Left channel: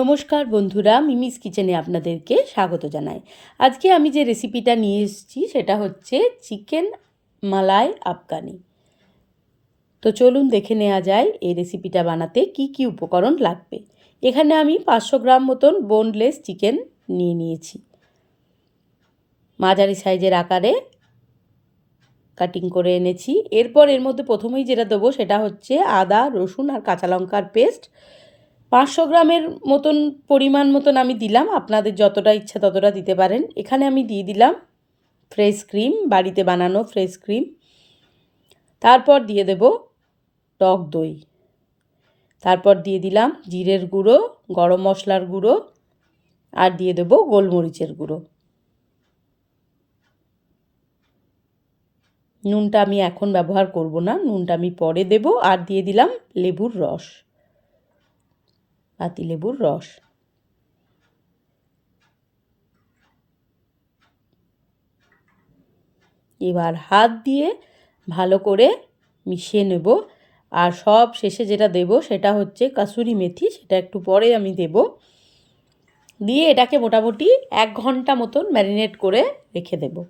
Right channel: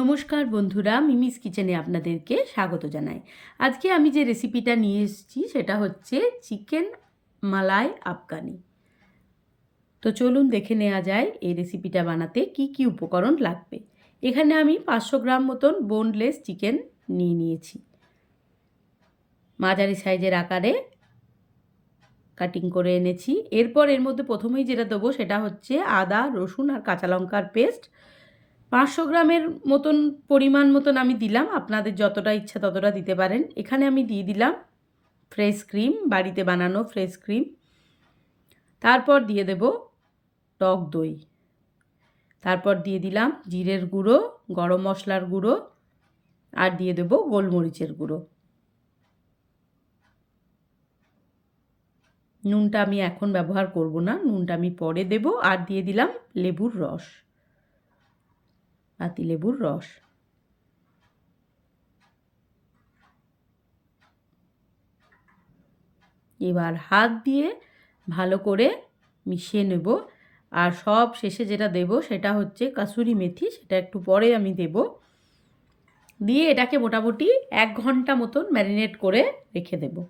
নমস্কার বন্ধুরা, মিমিস কিচেনে আপনাদেরকে স্বাগত জানাই। আজকে আমি যে রেসিপিটা নিয়ে এসেছি, সেটা হচ্ছে চিকেন মালাই আফগানি। তো চলুন দেখে নেওয়া যায় এই রেসিপিটা বানাতে কি কি উপকরণ লাগবে। এখানে আমি পাঁচশো গ্রাম মতন বোনলেস চিকেন নিয়ে নিয়েছি। মাঝারি সাইজের আকারে কাটিং করে এনেছি। এরপর এর মধ্যে প্রথমেই যেটা দেবো, সেটা হচ্ছে আদা, রসুন আর কাঁচা লঙ্কার পেস্ট। পাঁচশো গ্রামের মতন পরিমাণ মতন আমি দিলাম। আপনাদের যতটা ইচ্ছা ততটা দিতে পারেন। এখানে আমি দিয়ে দিলাম ফ্রেশ ক্রিম, বাড়িতে বানানো ফ্রেশ ক্রিম। তারপর দিয়ে দেব টক দই। তারপর দিয়ে দিলাম জিরের গুঁড়ো, গরম মশলার গুঁড়ো আর দিয়ে দেব গোলমরিচের গুঁড়ো। নুনটা আমি এখন ব্যবহার করব না। নুনটা আমি পরে দেব আর দিয়ে দিলাম লেবুর রস। পাতিলেবুর রস। এবার হাত দিয়ে ভালো করে মিশিয়ে নেব। আর সব শেষে যেটা দেব সেটা হচ্ছে কাসুরি মেথি, সেটা একটু পরে আমি দেব। দিয়ে এটাকে মোটামুটি এক ঘণ্টা মতন ম্যারিনেট করে রেখে দেব।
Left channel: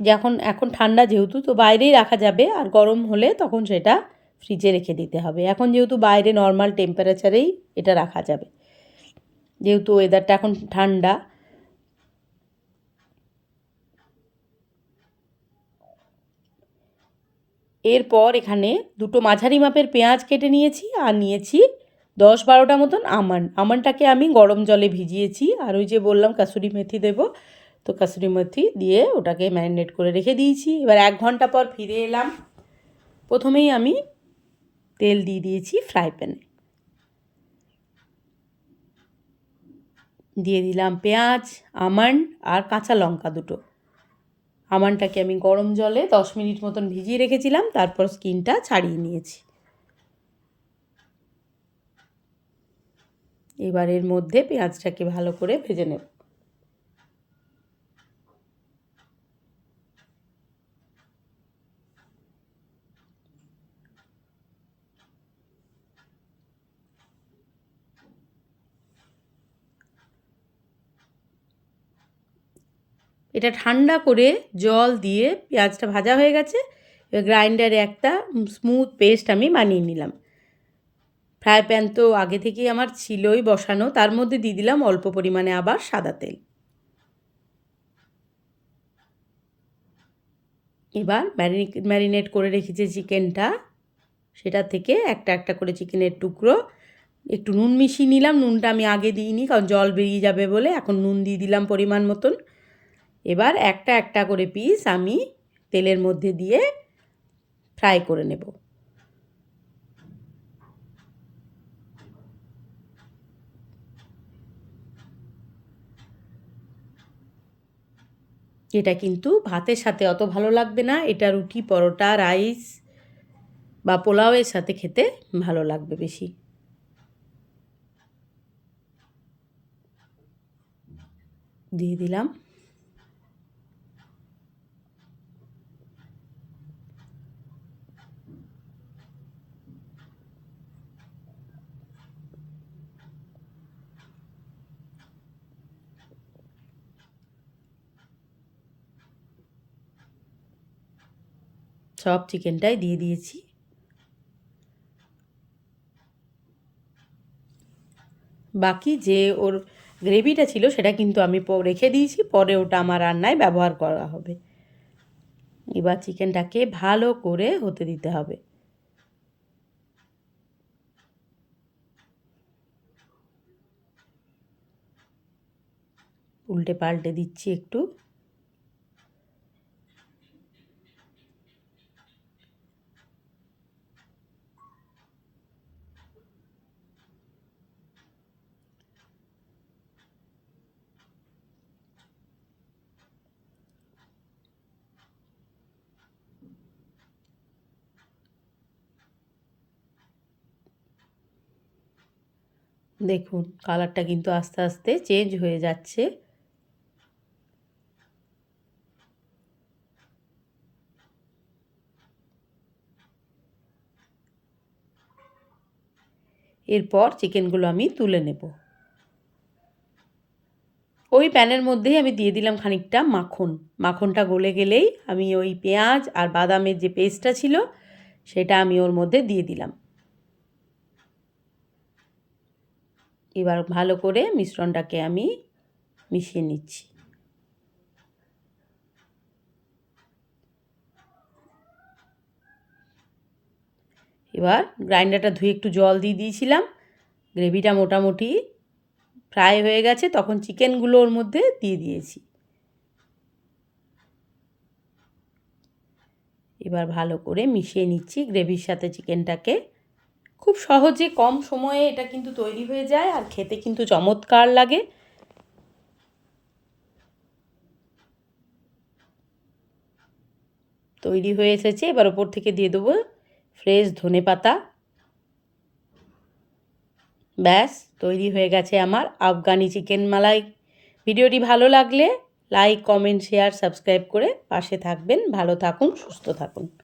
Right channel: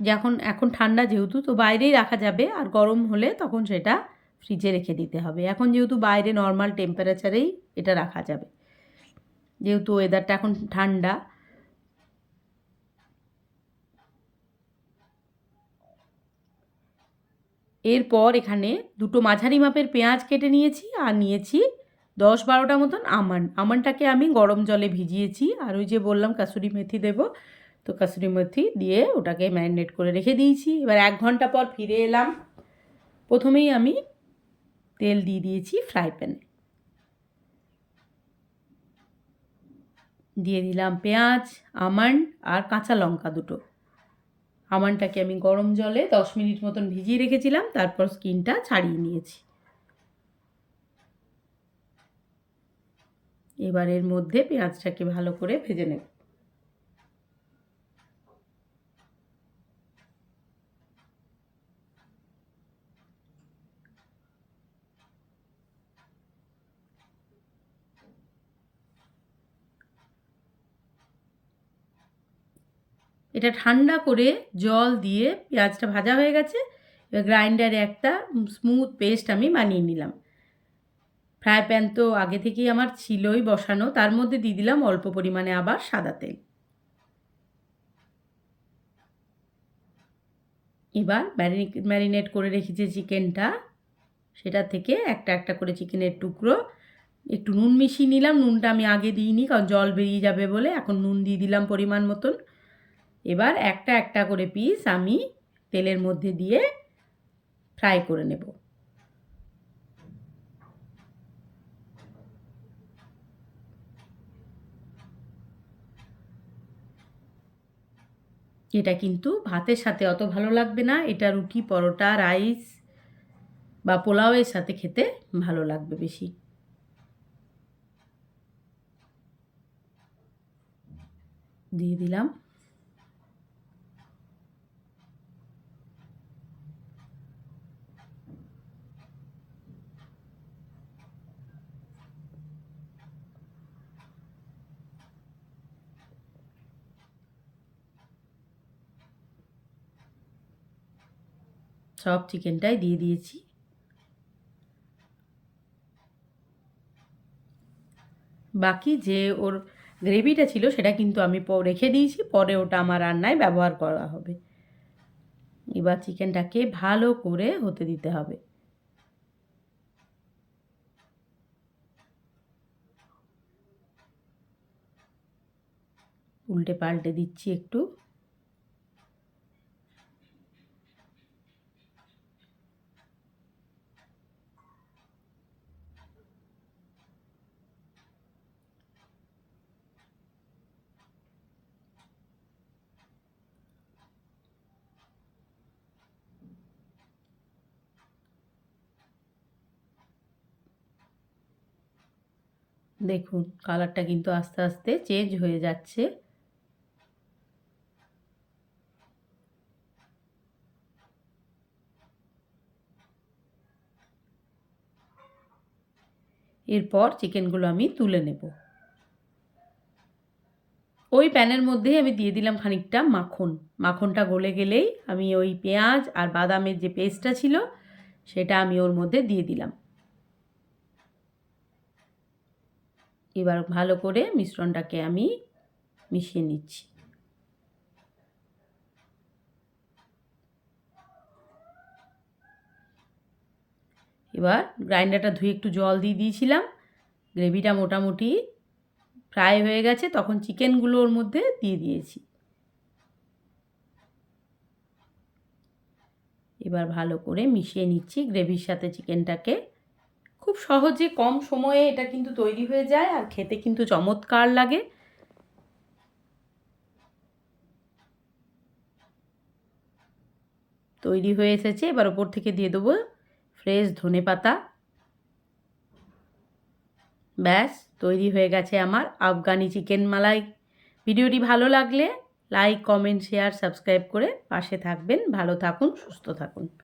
যখন, এখন ঠান্ডা যেহেতু, তো বাইরেই রাখা যাবে। আর গরম হলে তখন সেটা ফ্রিজে রেখে দিতে হবে। এখন যেহেতু বাইরে নর্মাল টেম্পারেচারেই এটা রাখা যাবে। যেহেতু ওয়েদারটা এখন ঠান্ডা। এরপর এখানে দুটো মাঝারি মাপের পেঁয়াজ কেটে নিয়েছি আর নিয়েছি দশ বারোটা মতন আমান আমানটাকে আমি গরম জলে ভিজিয়েছি আর ওই যে বললাম কাসুরি মেথি দেবো। তো কাসুরি মেথি দিয়ে ওটাকে ম্যারিনেট করে রেখে দিয়েছি। এবার এক ঘণ্টা পর ফিরে এলাম। প্রথমেই আমি তেল দিয়ে দিয়েছি ফ্রাই প্যানে। দিয়ে দিলাম পেঁয়াজ, আমন্ড আর কাঁচা লঙ্কা দুটো। আমন্ডটাকে আমি গরম জলে দশ মিনিট মতন ভিজিয়ে রেখেছিলাম, তারপর স্কিনটা ছাড়িয়ে নিয়েছি। এবার এর মধ্যে পেঁয়াজটাকে ভালো করে ভেজে নেব। এটা ঠান্ডা করে জল দিয়ে পেঁয়াজটা ভাজা হয়ে গেছে। এবার গ্রাইন্ডারে একটা স্মুথ পেস্ট আমি বানিয়ে নিলাম। ফ্রাই প্যান তো আগে থেকেই আমার ছিলই বসানো, তার মধ্যে দিয়ে দিলাম অল্প পরিমাণে আবার সাদা তেল। এবার ম্যারিনেট করে রেখেছি চিকেনটা। সেটা থেকে একটা একটা করে চিকেনের টুকরো। একটু নুন মিশিয়ে নিলাম, নুনটা আমি আগে দিইনি, কারণ জল বেরিয়ে যাবে বলে। এখন নুন দিয়ে দিলাম পরিমাণ মতন। এবার একটা একটা করে পিস আমি তেলের মধ্যে দিয়ে ফ্রাই করে নেব। এটা কিন্তু ভাতের সাথে অত ভালো লাগবে না, এটা রুটি, পরোটা রাইস বা পোলাওয়ের সাথে খেতে ভালো লাগবে বেশি। দিয়ে দিলাম। সব চিকেনটাই দিয়ে দিয়েছি। বাকি যে ওর গ্রেভিটা ছিল সেটা কিন্তু আমি রেখে দিয়েছি, পরে ওটা আমার রান্নায় ব্যবহার করা হবে। এবার চিকেনটাকে ভালো করে হতে দিতে হবে। উল্টে পাল্টে দিচ্ছি একটু। দেখুন কালারটা কিন্তু আস্তে আস্তে চেঞ্জ হয়ে যাচ্ছে। এরপর চিকেনগুলো আমি তুলে নেব। ওই প্যানের মধ্যেই আমি দিয়ে দিলাম খানিকটা মাখন। মাখনটা গলে গেলেই আমি ওই পেঁয়াজ আর বাদামের যে পেস্টটা ছিল, সেটা আমি ওর মধ্যে দিয়ে দিলাম। এবার ভালো করে মিশ্রণটাকে আমি মিশিয়ে নিচ্ছি। এবার গ্রাইন্ডারটা ধুয়ে একটু জল দিয়ে দিয়েছিলাম। গ্রেভিটা মোটামুটি ফ্রাই হয়ে গেছে, তখন চিকেনগুলো ওর মধ্যে দিয়ে দিয়েছি। এবার ভালো করে মিশিয়ে নিচ্ছি গ্রেভির সাথে চিকেনটাকে। খুব সহজে কম সময়ে এটা কিন্তু তৈরি হয়ে যায় আর খেতে কিন্তু চমৎকার লাগে। তৈরি হয়ে এসেছে, এবার ওপর থেকে দিয়ে দেবো ফ্রেশ ধনে পাতা। ব্যাস, তৈরি হয়ে গেছে আমার আফগানি চিকেন মালাই। ভিডিওটি ভালো লাগলে লাইক, কমেন্ট, শেয়ার, সাবস্ক্রাইব করে পাশে থাকবেন। ভালো থাকুন, সুস্থ থাকুন।